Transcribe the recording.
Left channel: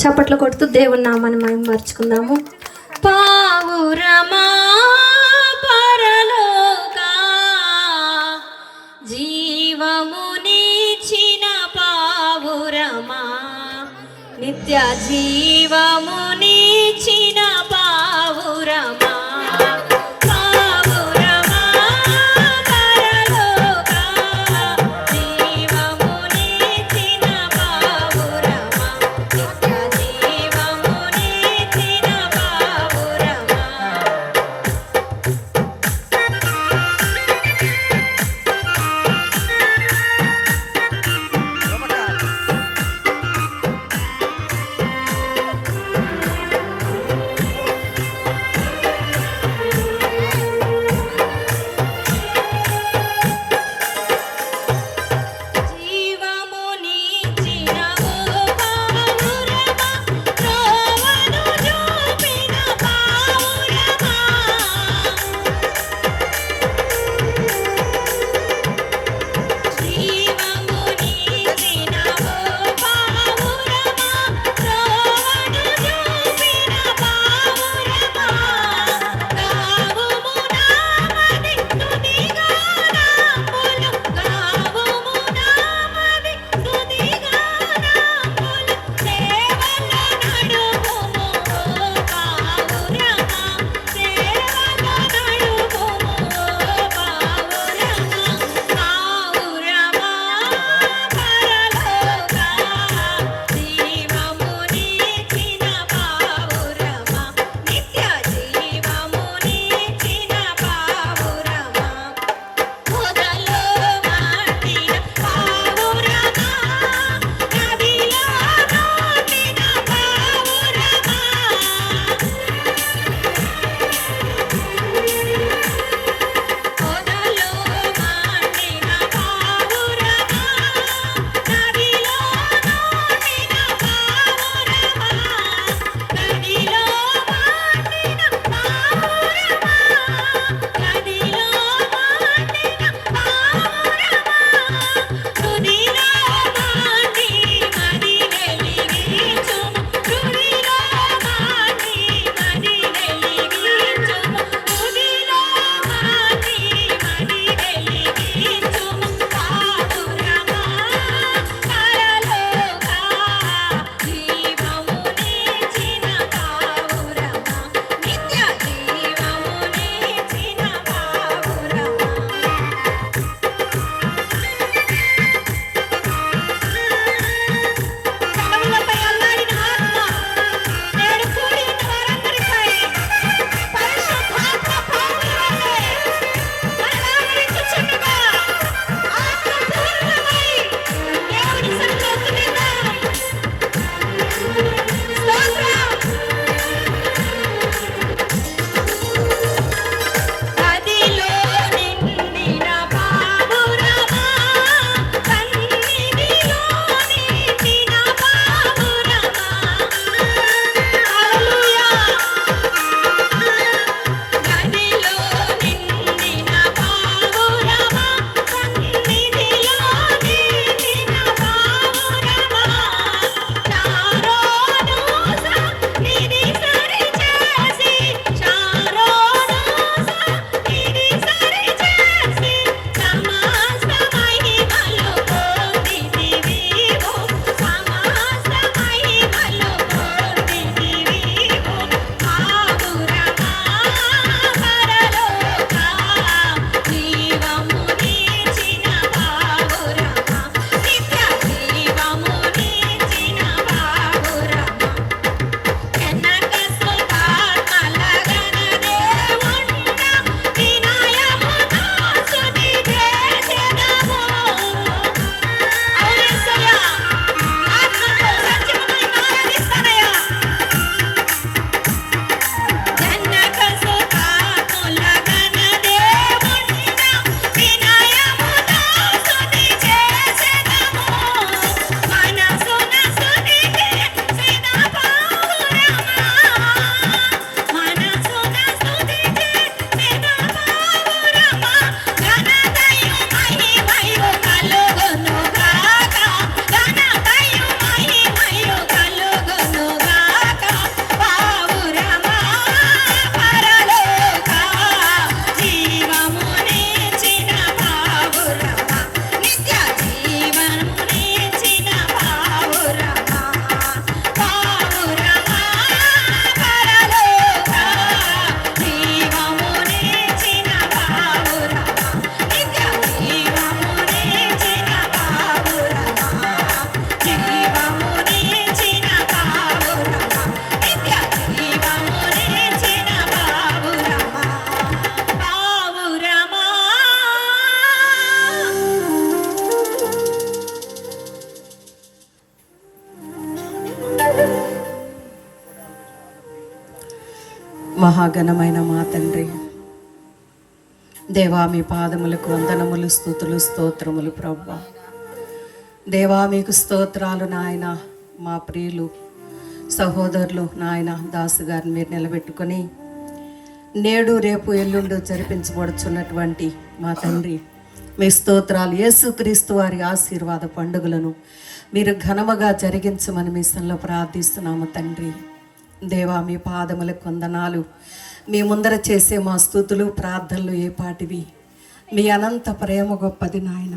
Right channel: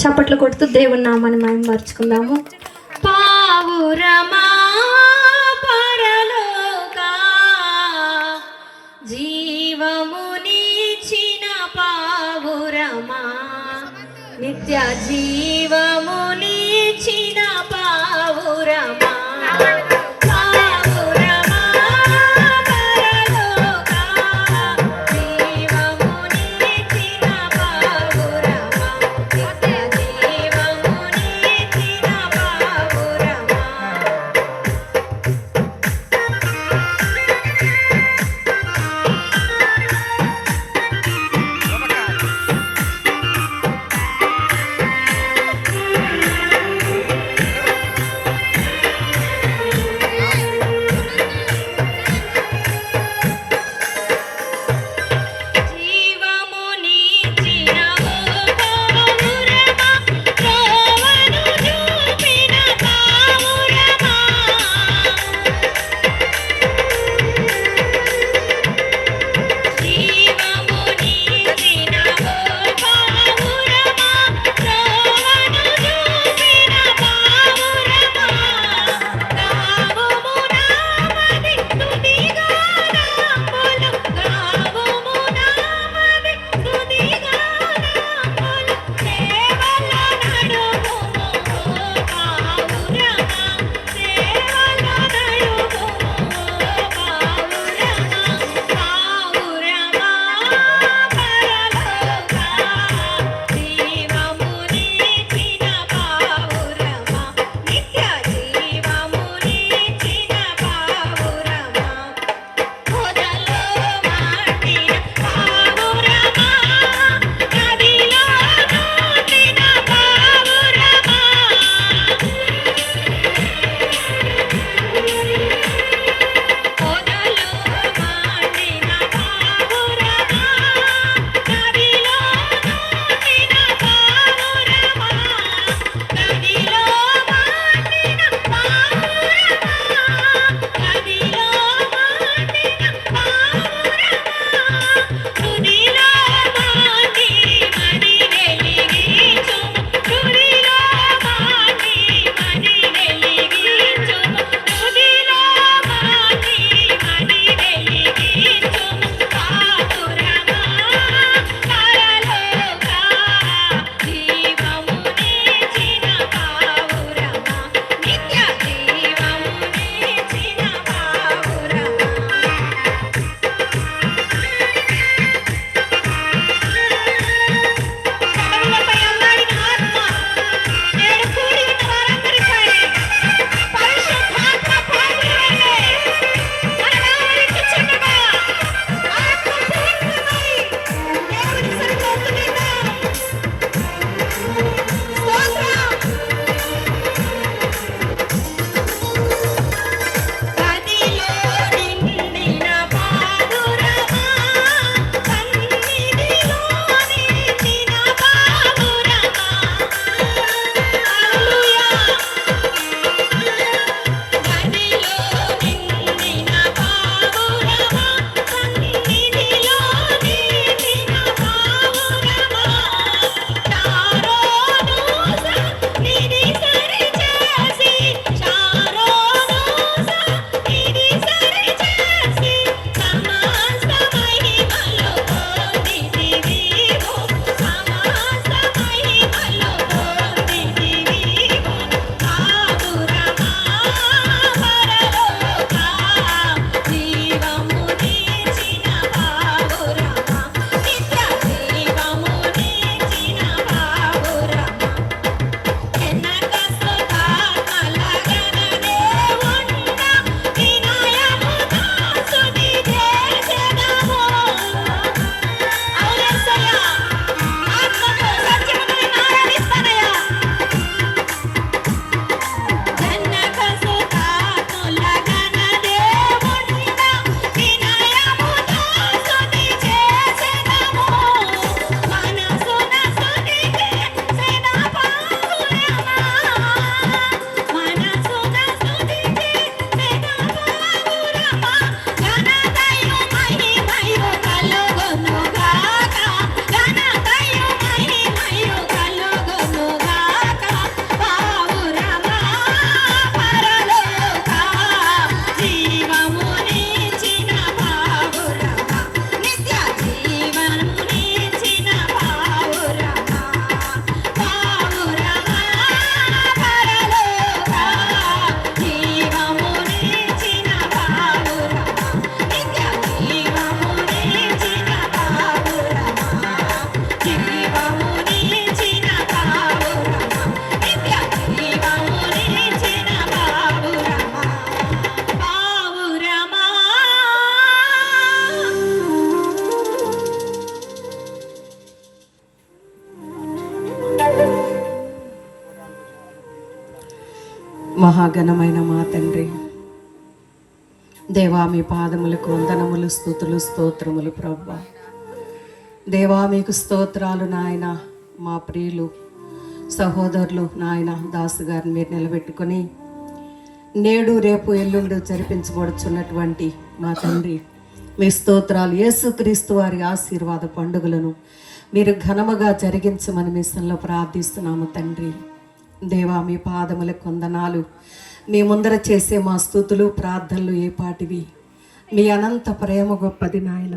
చప్పట్లు కొడుతూ దేవుని నామాన్ని మనం మర్చుకుందాము. పావురమా పరలోకా జీవమునిచిన పావురమా, నిత్య జీవమునిచిన పావురమా, మహాఘనమైన మా తండ్రి, దేవా మీ పాదములకు వందనములు, స్తుతులు, స్తోత్రములు ప్రభువా. దేవా మీకు స్తోత్రాలు నాయన. మా ప్రియులు సహోదరులు నాయన దాసు గారిని మీరు నిలబెట్టుకొని నేడు రేపు ఎల్లుండు జరిపించబడుచున్నటువంటి మా తండ్రి మీ స్తోత్రాలు. యేసుక్రీస్తు వారి ఆశీర్వాద పండుగలను మీరు ఘనముగా జరిగించమని మీ సన్నిధిలో ప్రార్థిస్తున్నాము తండ్రి. దేవా మీ పాదములకు వందనాలు. మీ ముందర చేసే మా స్తుతులు ప్రార్థనలు ఏ పాటివి. మీ అనంత ప్రేమ గొప్పది నాయన.